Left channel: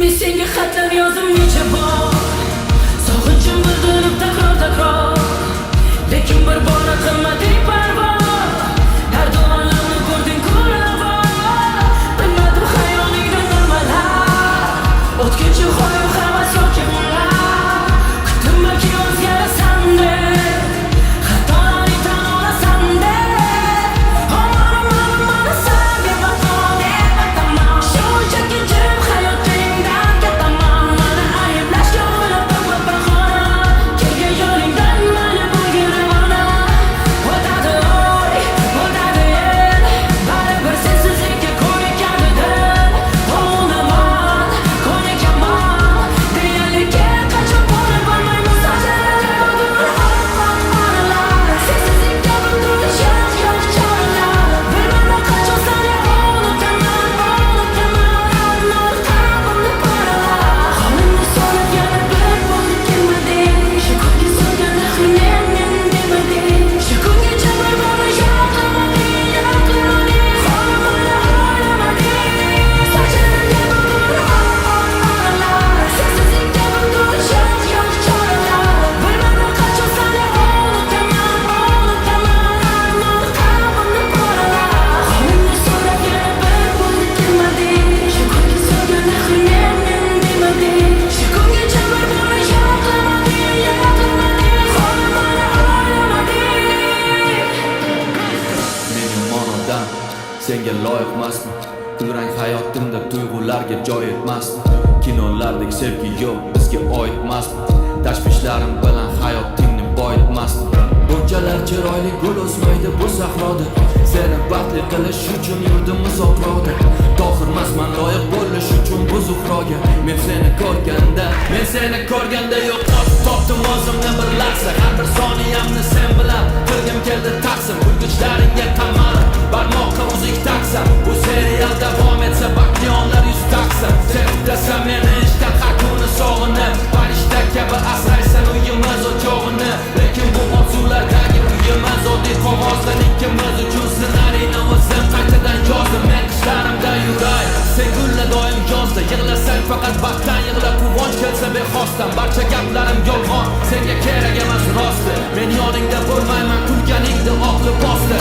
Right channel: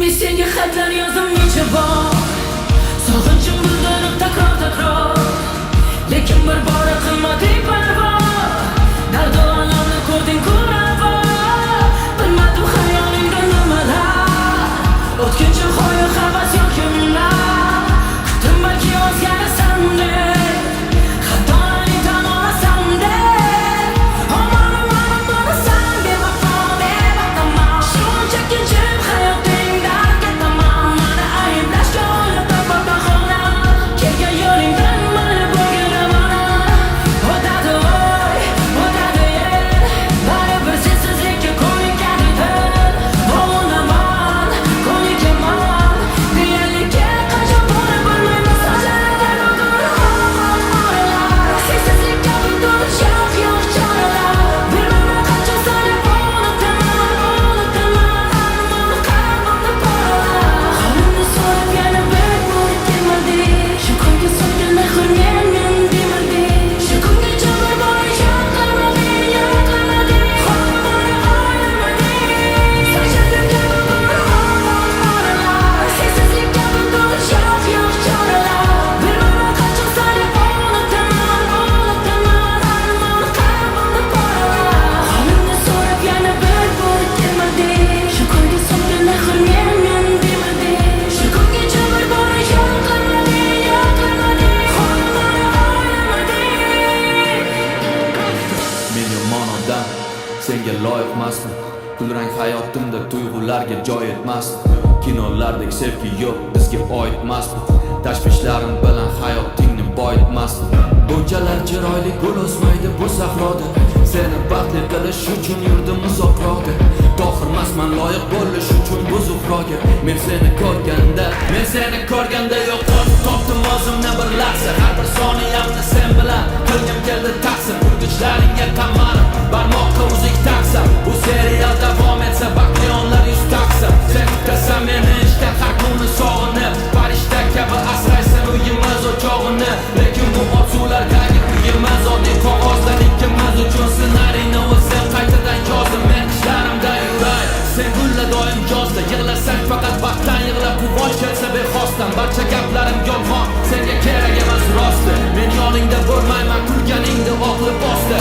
Men senga xatlar yozdim necha bor, sog'inchim bildirib takror lekin bir bora qilmading parvo. Dardu alamni ko'rding ko'rava, bilmadim xayolingda nimalar, o'tkinchi hoyu havas yoki unlar. Kutdim balki o'zgarasan deb, xatolarni tan olasan deb. Mana san deb ataman, shunchaki jim hayotingdan ketaman. Mana ayblashga o'ylab topma bahona, kelgan yo'lingdan mayli bo'lgin ravona. O'tadi oy, o'tadi yil, baribir sensizlikka ko'nikadi dil. O'naman, ko'nikaman, deyarliga qachon bo'lib bilmayman. So'zlarga oralar, sensizlikka bugun yo'q choralar. Bilmayman qachon seni unutaman, armon qalbimni poralar. Holingni so'rab yana bir bor kelmading, shu kunga so'rgan axir men demading. Shu kungacha bir borni yo'qlamading, holmani o'ylamading. So'zlarga bugun oralar, sensizlikka bugun yo'q choralar. Bilmayman qachon seni unutaman, armon qalbimni poralar. Holingni so'rab yana bir bor kelmading, shu kunga so'rgan axir men demading. Shu kungacha bir borni yo'qlamading, holmani o'ylamading. Men yomon odam, senga loyiqmasman. Kulrang hayotimda tuyg'ularga joy etmasdi. Kinolardek sevgi yo'q, bizga oidmasmi? Tashvishlarim bilan hayotingni boyitmasdim. Bunchalar chiroyli gul o'smaydi bu sahroda. Seni baxtli qilish uchun yurdim uzoqroqda. Tohirmasman loyiq bo'lish uchun bu zuhroga. Men seni ko'rganda yo'qotib topdim o'zimni bir lahza. Har bir soniyamni sen bilan qilgim keldi taqsim. Kulgichlaringga qamalib barmoqqa uzuk taqsam. Bu serial davom etsa baxtli onlar yuz taqsam. Sen kutasan meni ishdan har kuni sog'inib, farishta kabi asraysan uyimiz o'chog'ini. Lekin bu orzulardagi uyimiz oddiy qog'ozdan ikkimiz uchun ssenariyni o'zim qaytadan yozdim. Men qishlarimda yuray, sen gulla doim yozda. Yig'lasang faqat baxtdan yig'la, quvonch kelsa bexosdan. Barcha gaplarim yolg'on, senga kerak emas rosti. Men yoningda bo'lmayman, kulganingda oq libosda.